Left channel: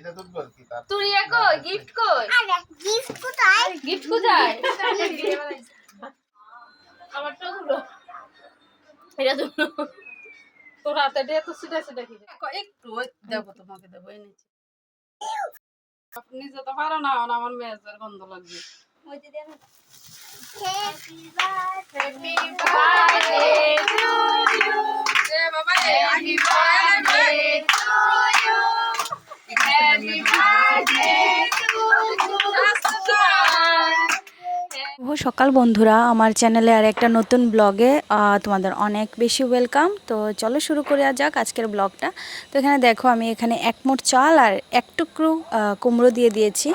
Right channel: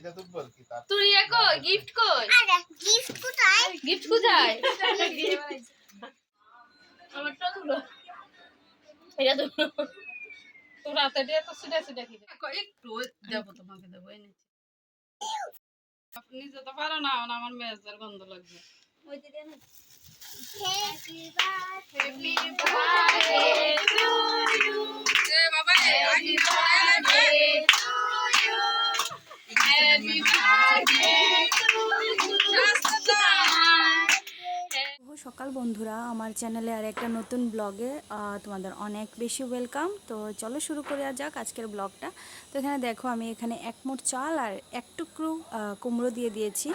এটা তো বল কি তার? তুই কো গিফট কই? আরে গিফট কোথায়? গিফট কোথায়? আমারটা হলো এটা তো তোর হাতে দিয়ে তো সিটে সিটে খেয়ে একটু ওই দেবো তোমাকে দেবো এই নিচে। আপনি যেতে পারো না আমার মেয়েদের গন্ধ লাগবে। হ্যাপি বার্থডে বার্থডে শুভ সকাল বন্ধুরা। আমার চ্যানেলে আর একটা নতুন ব্লগে তোমাদের অনেক বেশি ওয়েলকাম তো চলো শুরু করে যাক আজকের ব্লগটা। তো এখানে দেখো, আমি এখানে এক মোট চাল আর এক টুকরো কুমড়ো দিয়ে দিয়েছি।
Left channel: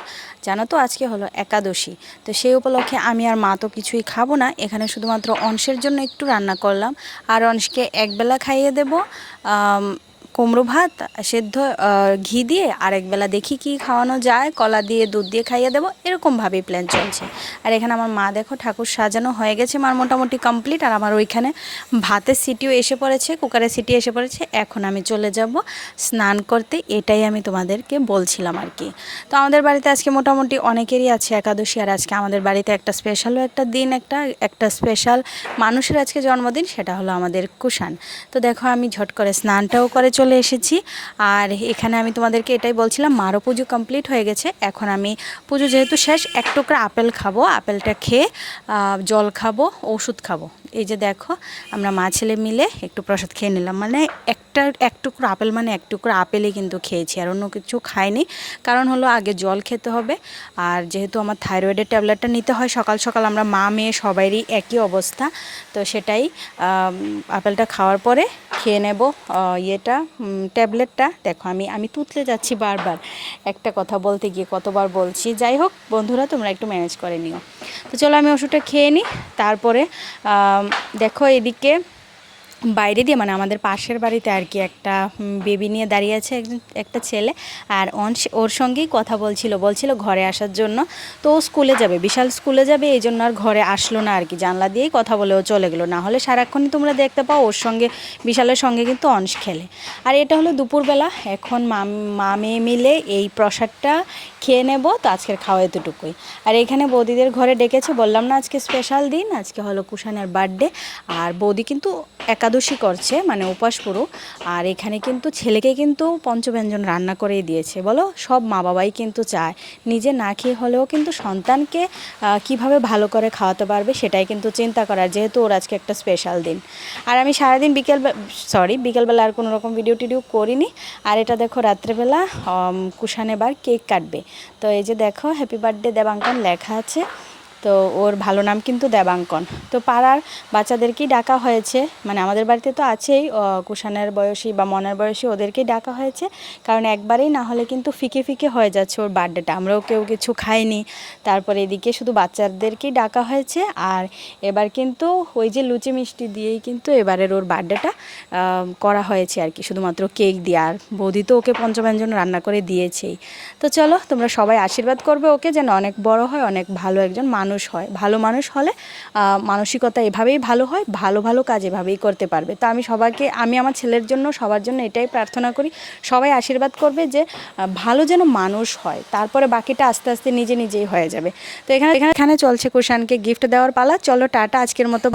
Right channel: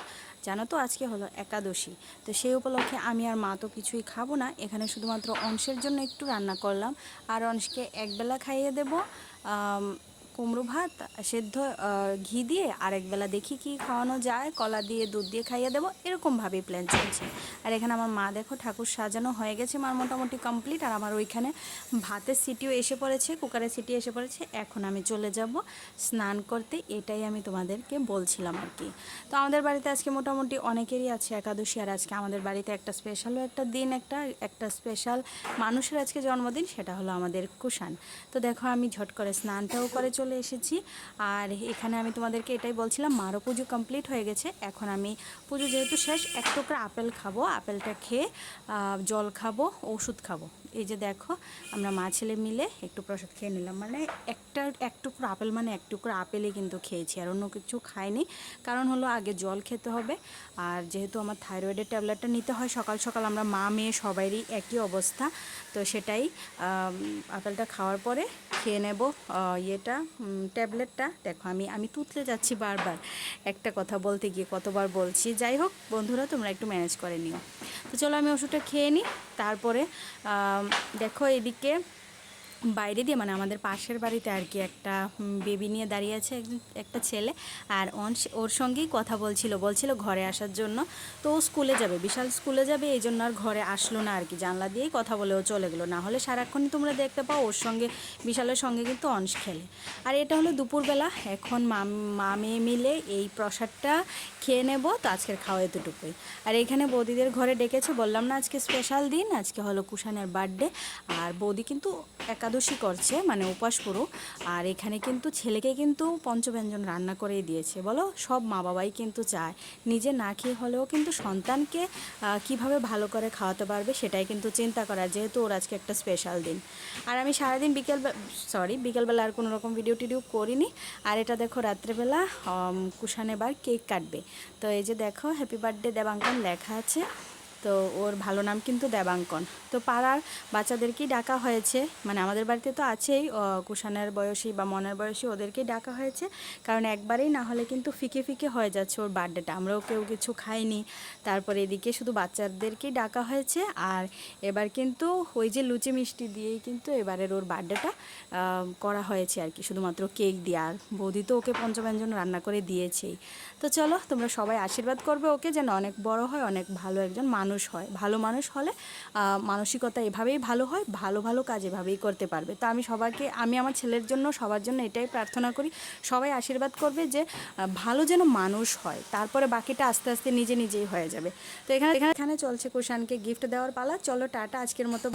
জানো তো, আজকে হলো একাদশী। তো সেই উপলক্ষে আমি আর মা তো কিছুই খাব না। এখানে শুধুমাত্র অংশের জন্য একটু রান্না করলাম। আর অংশকে একবেলা খাইয়ে দেবো। কুমড়ো ভাত, সেদ্ধ ঘি দিয়ে আরেকবেলা দেখি কি খাওয়ানো যায়। কলা দিয়ে, দুধ দিয়ে খাইয়ে দেবো। এরকমভাবেই প্ল্যান চলছে। আর এখানে আমার মা দেখো ঠাকুর সাজানো হয়ে গেছে। মার মোটামুটি কমপ্লিট আর আমার ওইখানে ভাতের সিটিও এসে পড়েছে কুকারের সিটি এসে পড়েছে। এখন আমি চলে যাব স্নান করতে। এটাই আমি তোমাদেরকে বলছিলাম আর কি। তো আমাদের বাড়িতে আজকে মোটামুটি অনেকেরই আছে একাদশী। আর আজকে আমাদের বাড়িতে একটা স্পেশালও একটা দিন, একটা একটা স্পেশাল মানুষের আজকে জন্মদিন, সেটা হলো আমাদের কুষাণ। তো দেখো আমি ঝট করে স্নানটাও করে চলে এসেছি। আর এখানে আমি তোমাদেরকে এটাই বলছিলাম মারও পুজো কমপ্লিট হয়ে গেছে। এখন আমি পুজো যেহেতু শেষ, এক টুকরা আপেল খাব। আপেলটা খেয়ে জল খাব, ওষুধ খাব। এই যে দেখো, আমরা মা ছেলে মিলে একটু প্রসাদ খেয়ে নিলাম। মানে একটা, এক টুকরো আপেল মানে এক টুকরো আপেলই কিন্তু খেয়েছি, আর অন্য কিছু খাইনি। কারণ হলো আগে জল খেতে হবে, আর যেহেতু আমার থাইরয়েডের ট্যাবলেটটা নিতে হয়, সকাল সকাল আমরা মা মেয়ে সবারই একই অবস্থা। তো সেটাই আপেলটা খাওয়ার পরে খেয়ে নেব ইয়েটা ট্যাবলেটটা। দেখো আমি আমি তুতলে যাচ্ছি বারবার। একটা কথা বলতে গিয়ে কতবার বলছি। যাই হোক, বন্ধুরা, তোমরা একটু ম্যানেজ করে নিও। তো চলো আমি ওষুধটা খেয়ে নিই তারপরে দেখো এদিকে বাইরে দিয়ে মানে আমাদের পাশের বাড়িতে আর কি একটা বেবি নিয়ে দাঁড়িয়ে আছে একটা ছেলে। আর ওর সঙ্গেই কথা বলছিল বলছিল ঘরে আসার জন্য। তো ও স্কুলে যাবে, বিশাল স্কুলে যাবে, এই জন্য আর ঘরে আসলো না আর কি। জানলা দিয়েই কথা বলে ও চলে গেলো। না হলে সারাক্ষণই তোমরা দেখতে পাও, ওর সঙ্গে, বিশালের সঙ্গে কিন্তু অংশ খেলে। আর এটা হলো দুপুরবেলা, এখন মা মেয়ে মিলে এই প্রসাদটা খেয়ে নেব, তো আজকের খাওয়া এতটুকুই। আর এখানে বৌদিদের ঘরে ডেকেছে, বললাম না আজকে স্পেশাল দিন, আজকে হলো কুষাণের বার্থডে আর বৌদি কিন্তু একাদশী করছে মানে উপাস পুরো। আর এখানে কিন্তু ছেলেকে কিন্তু পঞ্চব্যঞ্জন রান্না করেই দিয়েছে। বলো, সব মা বাবাই কিন্তু চায়। নিজে না খেয়ে হলেও কিন্তু সন্তানকে কীভাবে ভালো করে খাওয়াতে পারবে সেটাই কিন্তু চিন্তা করার, যেহেতু ওর আজকে একটা স্পেশাল দিন। আর আমি সারাদিন বিকেল সরি বিকেলবেলা আর কোনো রকম ভিডিও টিডিও করিনি। আর এটা দেখো রাত্রেবেলা এবার কেক কাটবে। তো এই যে দেখো হ্যাপি বার্থডে দেবাঙ্কন লেখা আছে। তো ওর ভালো নাম কিন্তু দেবাঙ্কন। তো পাড়ার বাচ্চাদেরকেই ডাকা হয়েছে মানে আমাদের বাড়িতে তো আছেই আহ, কুষাণের বয়সী বা মনের বয়সী ওদেরকেই ডাকা হয়েছে কারণ একবারেই না হলে কিন্তু ফিকে ফিকে হয়ে যাচ্ছে ওর বার্থডেটা। আমরাও কেউ কিছু খাইনি তারপরে এদিকে শুধু বাচ্চাদেরকেই ডাকা হয়েছে আর এবার কিন্তু ওই যে লুচি মিষ্টি দিয়েই কিন্তু এবারের ওর বার্থডেটা করা হয়েছে আর কি শুধুমাত্র কেক দিয়ে আর বৌদি তো ওকে পঞ্চব্যঞ্জন রান্না করে দিয়েছেই। তো চলো তোমরা সবাই আশীর্বাদ করবে ওকে যেন অনেক বড় হয় অনেক ভালো একজন মানুষ হয়, ভালো মানুষ হলে মানসিকতা এভাবেই ভালো হয়, ভালো ভালো কাজ এভাবেই করতে পারবে। তো আমি সবাইকে, আমি আমার ছেলের জন্য সবার জন্য এটাই প্রার্থনা করি, সবাই আশীর্বাদ করবে যে ভালো যেন মানুষ হয়, তারপরে বাকিটা আস্তে আস্তে নিজে, নিজেই হয়ে যাবে। তো এখানে এখানে চলছে কুষাণকে গিফট দেওয়ার পালা। চলো টাটা, আজকের মতো।